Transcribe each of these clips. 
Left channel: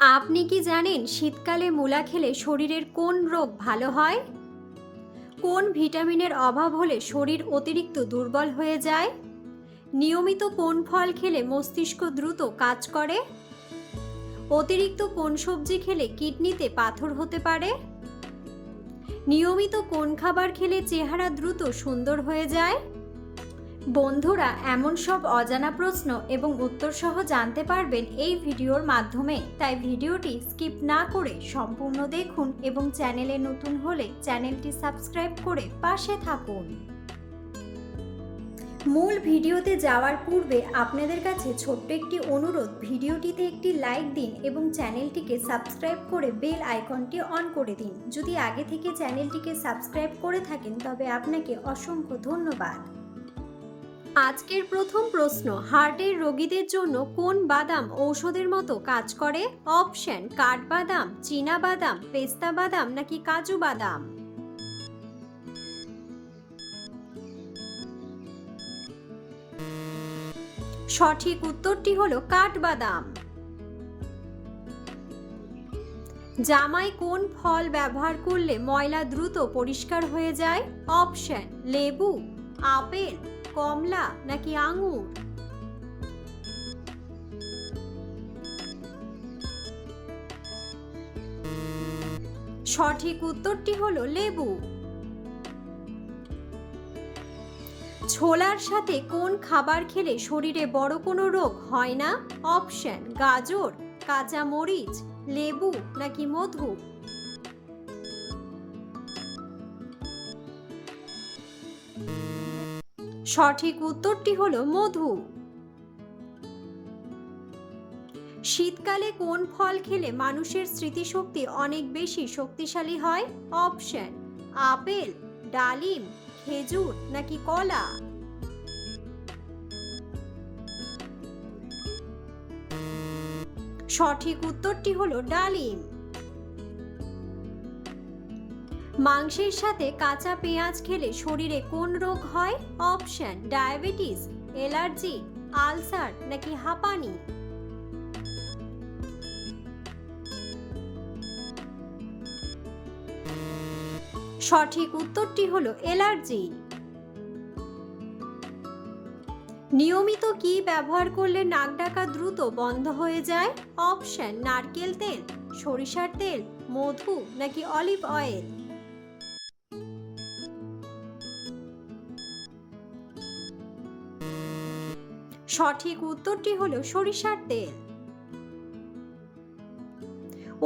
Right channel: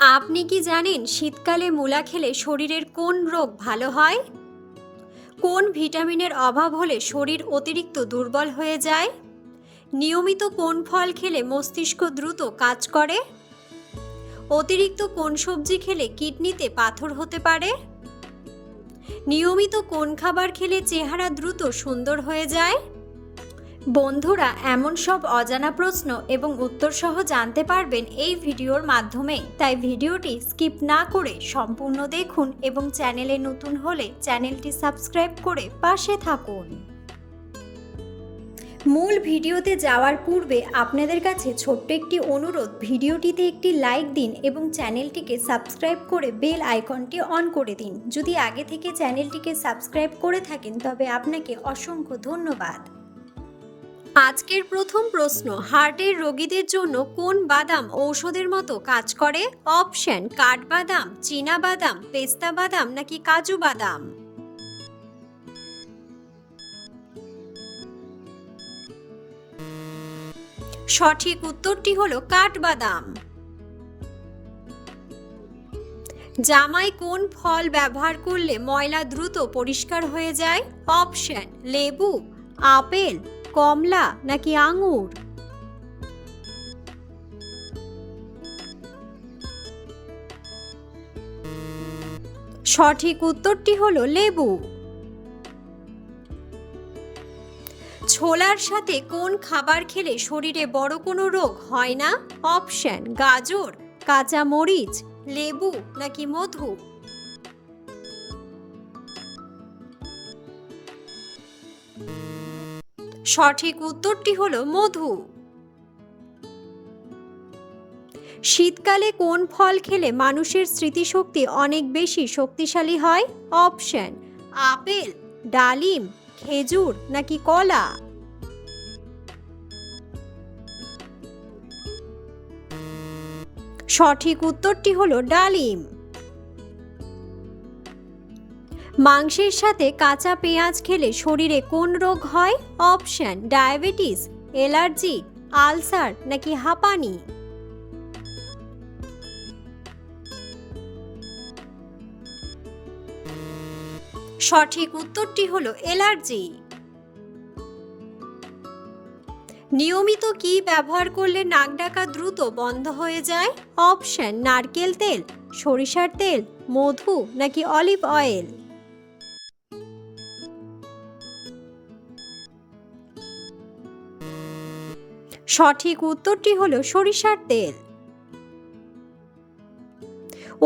আপনি কি জানেন শীতকালে মূলা খেলে শরীরের কোন রোগ ভালো হয়? কোন ভিটামিনের অভাব হলে শরীর অতিরিক্ত দুর্বল হয়ে যায়? নিয়মিত কোন ফল খেলে মস্তিষ্ক দ্রুত কাজ করে? অতিরিক্ত কোন সবজি খেলে কিডনিতে পাথর হতে পারে? নিয়মিত কোন খাবার খেলে চেহারা দ্রুত সুন্দর হয়ে যায়? বন্ধুরা, এমন সব অজানা প্রশ্ন এবং উত্তর সহ জানতে পারবেন এই ভিডিওর মাধ্যমে, তাই ভিডিওটি স্কিপ না করে সম্পূর্ণ দেখুন এবং চ্যানেলে নতুন হলে চ্যানেলটি সাবস্ক্রাইব করে পাশে থাকুন। মূল ভিডিওতে যাওয়ার পূর্বে আপনাদের কাছে ছোট্ট একটি অনুরোধ, ভিডিওটিতে একটি লাইক দিন এবং চ্যানেলটিকে সাবস্ক্রাইব করে বেল আইকনটি অন করে দিন। যদি আগে থেকে চ্যানেলটিকে সাবস্ক্রাইব করে থাকেন তবে আপনাকে অসংখ্য ধন্যবাদ। আজকের প্রথম প্রশ্ন, হার্টের রোগীদের জন্য কোন বাদাম ঔষধের মতো কাজ করে? অপশন: কাঠবাদাম, চীনা বাদাম, পেস্তা বাদাম নাকি কাজু বাদাম? সঠিক উত্তরটি হলো কাঠবাদাম। জামায় কোন ফল ব্যবহার করলে ময়লা দ্রুত পরিষ্কার হয়ে যায়? অপশন: লেবু, আপেল, কমলা নাকি আঙুর? সঠিক উত্তরটি হলো লেবু। ছোলার সাথে কোন খাবার খেলে শরীরে বড় কোনো রোগ হয় না? অপশন: গাজর, কাঁচা মরিচ, লেবু নাকি মধু? সঠিক উত্তরটি হলো মধু। শীতকালে কোন ফল খেলে মানুষের স্মৃতিশক্তি অনেক বেশি শক্তিশালী হয়? অপশন: আপেল, ডালিম, খেজুর নাকি কলা? সঠিক উত্তরটি হলো ডালিম। মাংসের সাথে কাঁচা পেঁয়াজ খেলে শরীরে কোন রোগ হয়? অপশন: ডায়াবেটিস, অ্যালার্জি, আলসার নাকি হাঁপানি? সঠিক উত্তরটি হলো অ্যালার্জি। নিয়মিত কি ব্যবহার করলে নাক ডাকা দ্রুত বন্ধ হয়ে যায়? অপশন: নারকেল তেল, সরিষার তেল, মধু নাকি অলিভ অয়েল? সঠিক উত্তরটি হলো সরিষার তেল।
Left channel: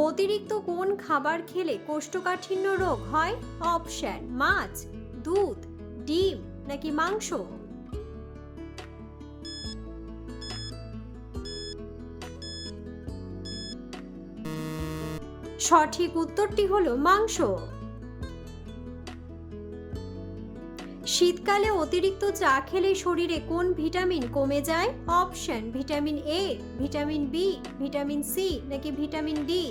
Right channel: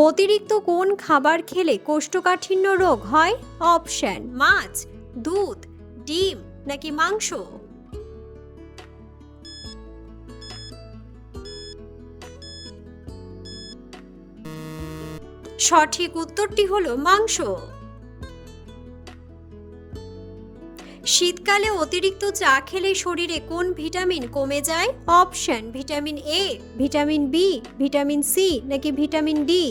অতিরিক্ত কোন খাবার খেলে কোষ্ঠকাঠিন্য রোগ হয়? অপশন: মাছ, দুধ, ডিম নাকি মাংস? সঠিক উত্তরটি হলো মাংস। শীতকালে অতিরিক্ত চা খেলে শরীরে কোন ভিটামিন কমে যায়? Option: vitamin A, vitamin B, vitamin C নাকি ভিটামিন ডি?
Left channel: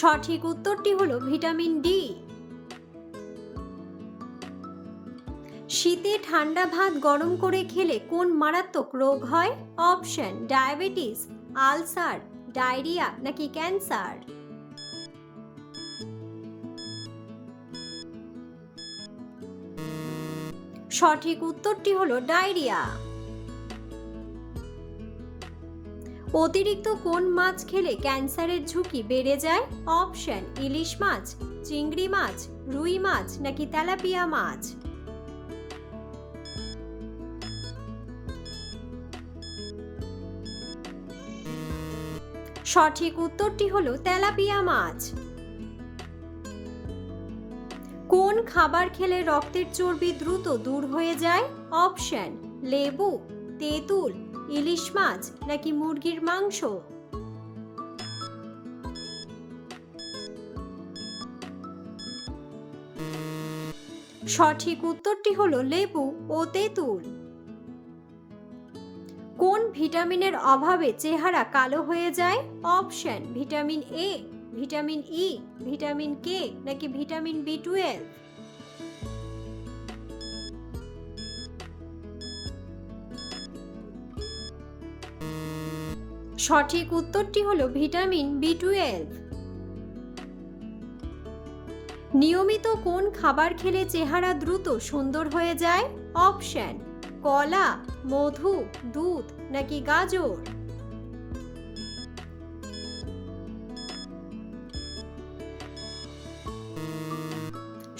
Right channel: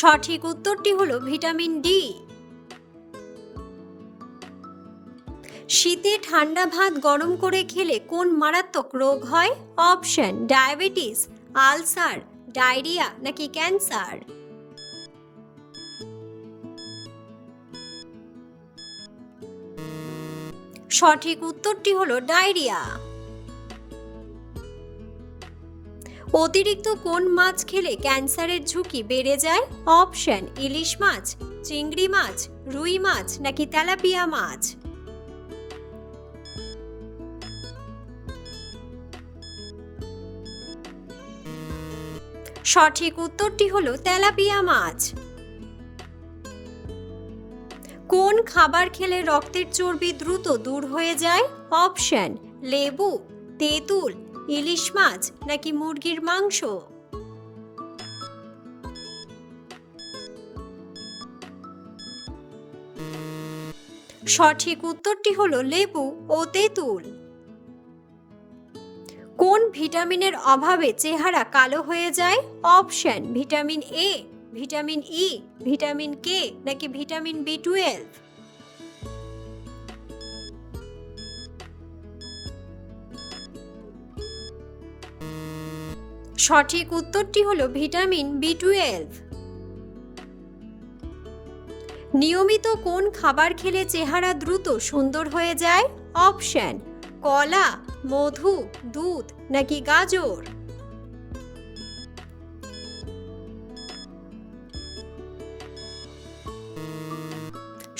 সঠিক উত্তরটি হলো ভিটামিন ডি। শীতে ঠান্ডা ভাত গরম করে খেলে কোন মারাত্মক রোগ হয়? অপশন: ডায়াবেটিস, আলসার, ডায়রিয়া নাকি ক্যান্সার? সঠিক উত্তরটি হলো ডায়রিয়া। অতিরিক্ত কোন মাছ খেলে ক্যান্সারের ঝুঁকি বেড়ে যায়? অপশন: ইলিশ মাছ, চিংড়ি মাছ, রুই মাছ নাকি তেলাপিয়া মাছ? সঠিক উত্তরটি হলো তেলাপিয়া মাছ। কোন খাবার খেলে রক্তের চর্বি দ্রুত দূর হয়ে যায়? অপশন: লেবু, তেঁতুল, ইলিশ মাছ নাকি মুরগির মাংস? সঠিক উত্তরটি হলো লেবু ও তেঁতুল। কোন ভিটামিনের অভাবে চেহারা কালো হয়ে যায়? Option: vitamin A, vitamin E, vitamin K নাকি ভিটামিন বি12? সঠিক উত্তরটি হলো ভিটামিন B12। নিয়মিত কোন খাবার খেলে চেহারা দ্রুত সুন্দর হয়ে যায়? অপশন: কলা, মধু, দুধ নাকি গাজর।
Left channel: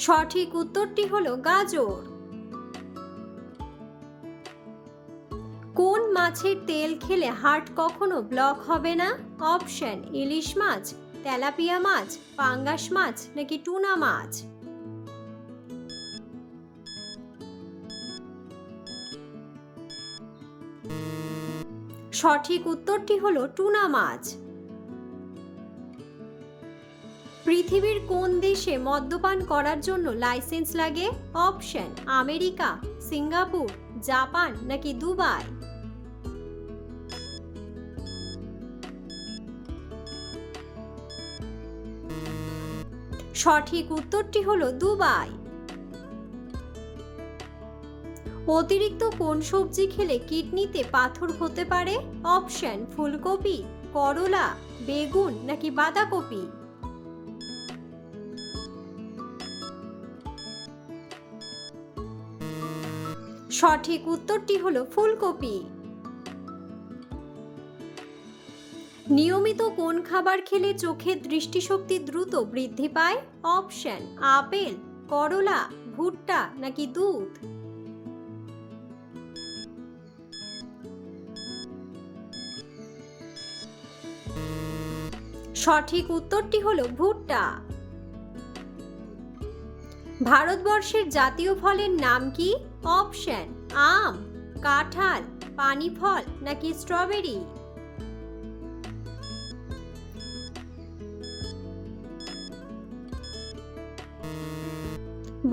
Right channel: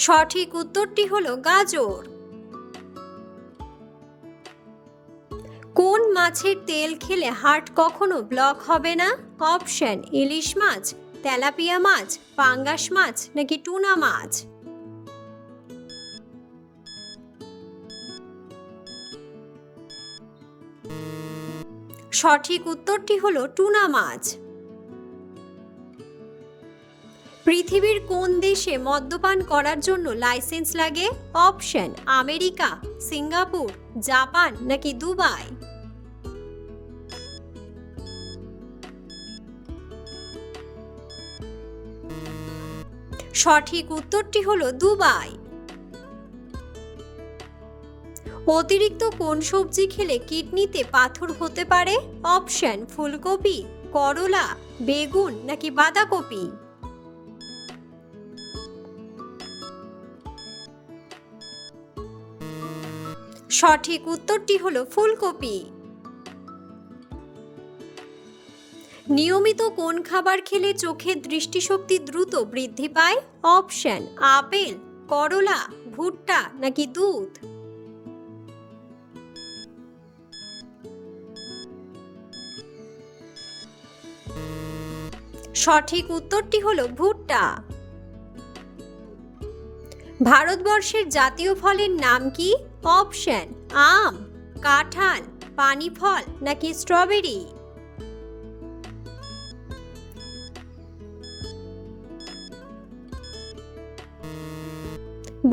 সঠিক উত্তরটি হলো গাজর। কোন মাছের তেল খেলে হার্ট কখনো ব্লক হবে না? অপশন: ইলিশ মাছ, তেলাপিয়া মাছ, পাঙ্গাস মাছ নাকি টুনা মাছ। সঠিক উত্তরটি হলো টুনা মাছ। পৃথিবীর কোন দেশে মদ্যপান করার জন্য লাইসেন্স লাগে? অপশন: আমেরিকা, সিঙ্গাপুর, জাপান নাকি দুবাই। সঠিক উত্তরটি হলো দুবাই। অতিরিক্ত কোন সবজি খেলে কিডনিতে পাথর হতে পারে? অপশন: ফুলকপি, করলা, বেগুন নাকি বাঁধাকপি। সঠিক উত্তরটি হলো ফুলকপি। নিয়মিত কোন খাবার খেলে চোখের দৃষ্টিশক্তি দ্রুত বৃদ্ধি পায়? অপশন: আপেল, করলা, ভুট্টা নাকি দুধ। সঠিক উত্তরটি হলো ভুট্টা। ভারতবর্ষের জাতীয় ফলের নাম কি? অপশন: আম, কাঁঠাল, পানি ফল নাকি স্ট্রবেরি।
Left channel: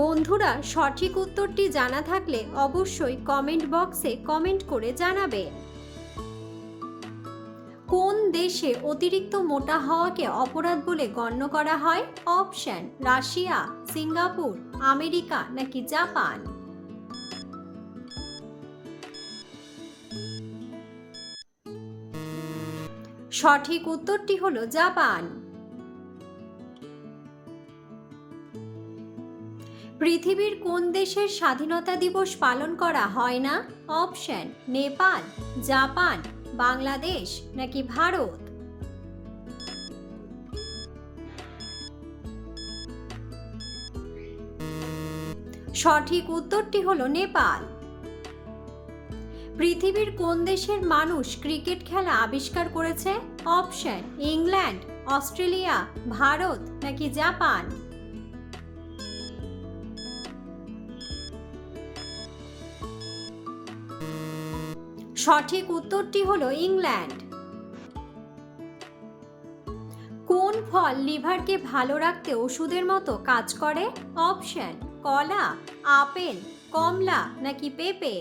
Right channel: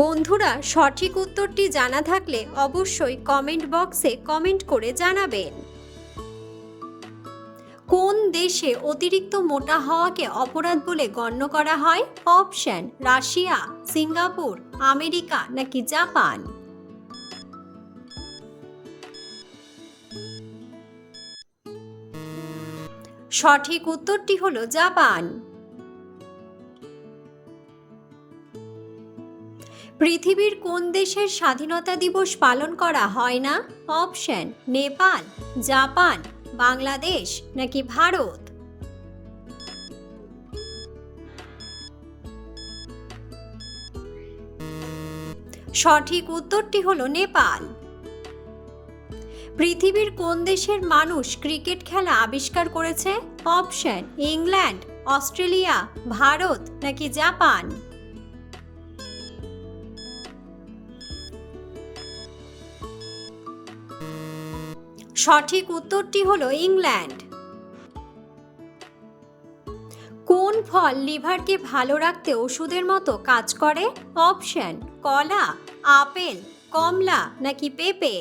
বন্ধুরা, সঠিক উত্তরটি জানা থাকলে অবশ্যই কমেন্ট বক্সে কমেন্ট করে জানাবেন। কোন দেশে অতিরিক্ত মোটা হওয়াকে অপরাধ বলে গণ্য করা হয়? অপশন: রাশিয়া, সিঙ্গাপুর, আমেরিকা নাকি জাপান। সঠিক উত্তরটি হলো জাপান। পৃথিবীর কোন দেশের স্বাধীনতা দিবস পালন করা হয় না? অপশন: নেপাল, জাপান, বাংলাদেশ নাকি ভারত। সঠিক উত্তরটি হলো নেপাল। পৃথিবীর কোন দেশের মানুষ ক্রিকেট খেলা আবিষ্কার করেছে? অপশন: ইংল্যান্ড, অস্ট্রেলিয়া, ভারত নাকি জাপান। সঠিক উত্তরটি হলো ইংল্যান্ড। কোন ফল লিভারকে ভালো রাখতে ওষুধের মতো কাজ করে? অপশন: কলা, আপেল, কমলা নাকি পেঁপে।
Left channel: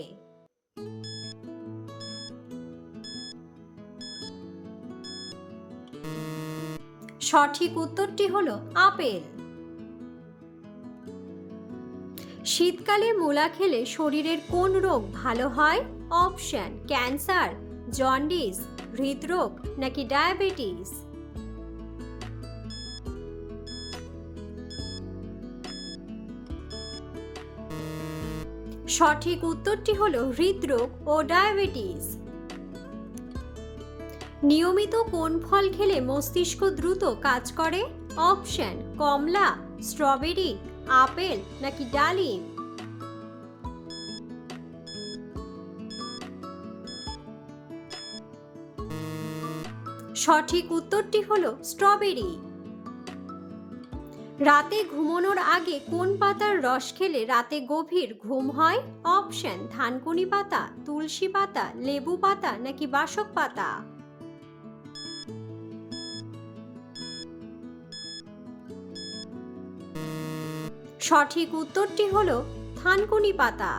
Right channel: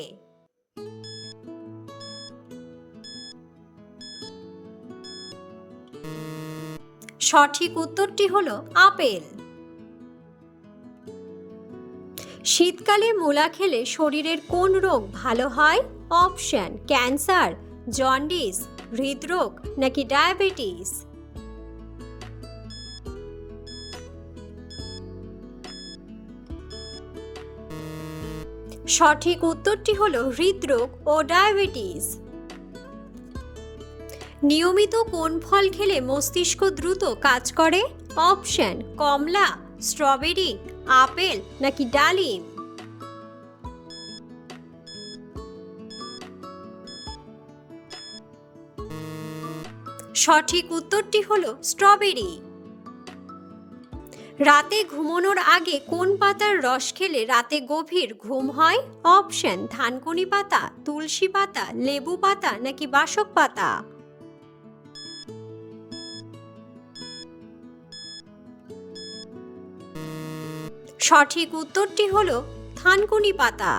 সঠিক উত্তরটি হলো আপেল। শীতকালে মূলা খেলে শরীরের কোন রোগ ভালো হয়? অপশন: ক্যান্সার, জন্ডিস, হৃদরোগ নাকি ডায়াবেটিস। সঠিক উত্তরটি হলো হৃদরোগ ও ডায়াবেটিস। নিয়মিত কোন ফল খেলে মস্তিষ্ক দ্রুত কাজ করে? অপশন: কমলা, স্ট্রবেরি, আপেল নাকি ডালিম। সঠিক উত্তরটি হলো স্ট্রবেরি। রাতে ঘুমানোর আগে কোন পাতার রস খেলে রাতে গভীর ঘুম হয়? অপশন: থানকুনি পাতা, তুলসী পাতা, লেবু পাতা নাকি বাসক পাতা। সঠিক উত্তরটি হলো থানকুনি পাতা।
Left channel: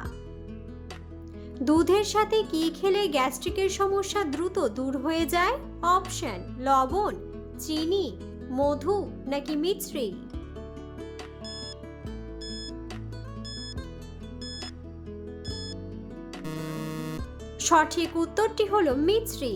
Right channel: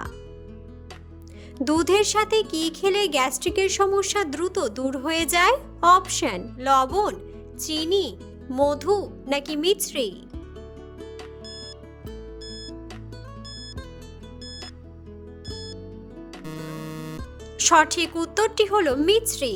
দুধের সাথে কি খেলে গ্যাস্ট্রিকের সমস্যা দ্রুত দূর হয়ে যায়? অপশন: লবণ, চিনি, মধু নাকি মিছরি। সঠিক উত্তরটি হলো মিছরি।